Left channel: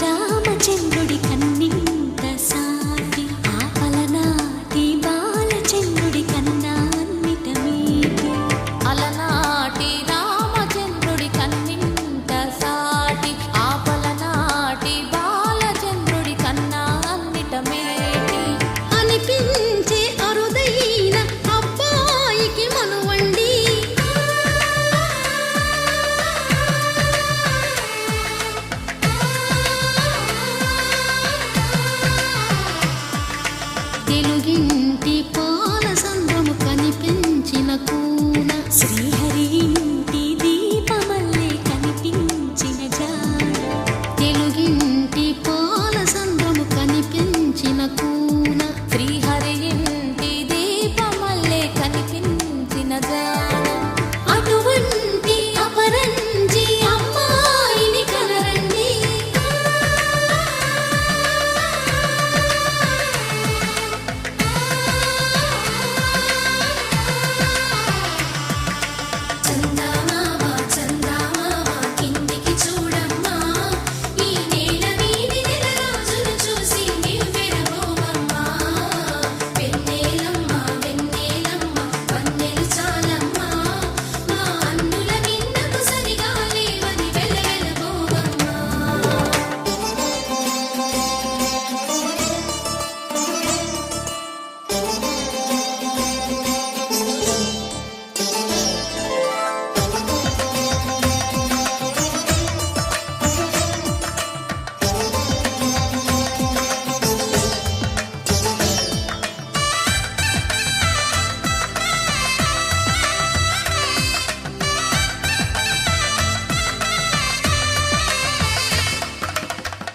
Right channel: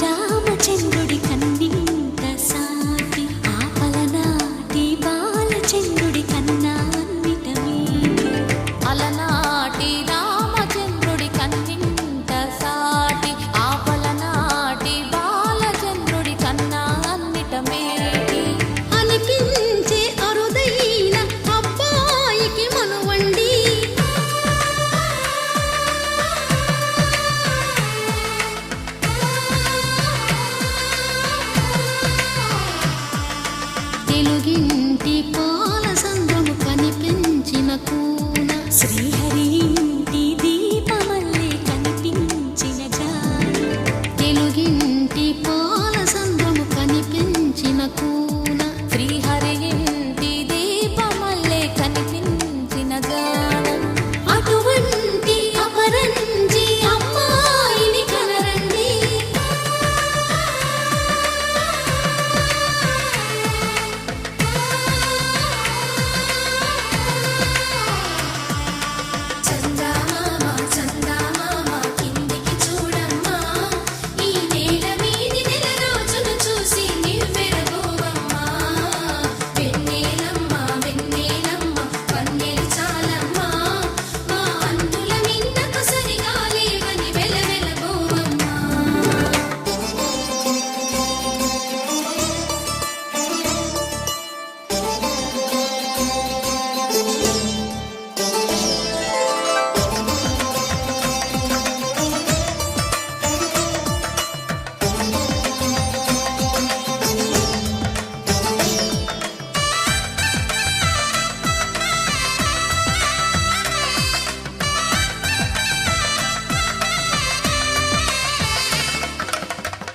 రామచంద్రుడి కన్నింత సాటి ఆపలనాటి బాలచంద్రుడి కన్నా అన్నిట మీటి అలనాటి రామచంద్రుడి కన్నింత సాటి ఆపలనాటి బాలచంద్రుడి కన్నా అన్నిట మేటి అనిపించే అరుదైన అబ్బాయికి మనువండి తెలుగింటి పాల సంద్రము కనిపించిన కూన శ్రీహరి ఇంటి దీపమల్లే కనిపించిన జాన తెలుగింటి పాల సంద్రము కనిపించిన కూన శ్రీహరి ఇంటి దీపమల్లే కనిపించిన జానం అటువంటి అపరంజి అమ్మాయిని కనరండి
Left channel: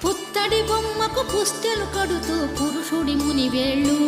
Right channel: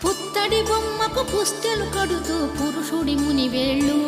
పుత్తడి బొమ్మకు పుస్తెలు కడుతూ పురుషుడి ముని వేళ్ళు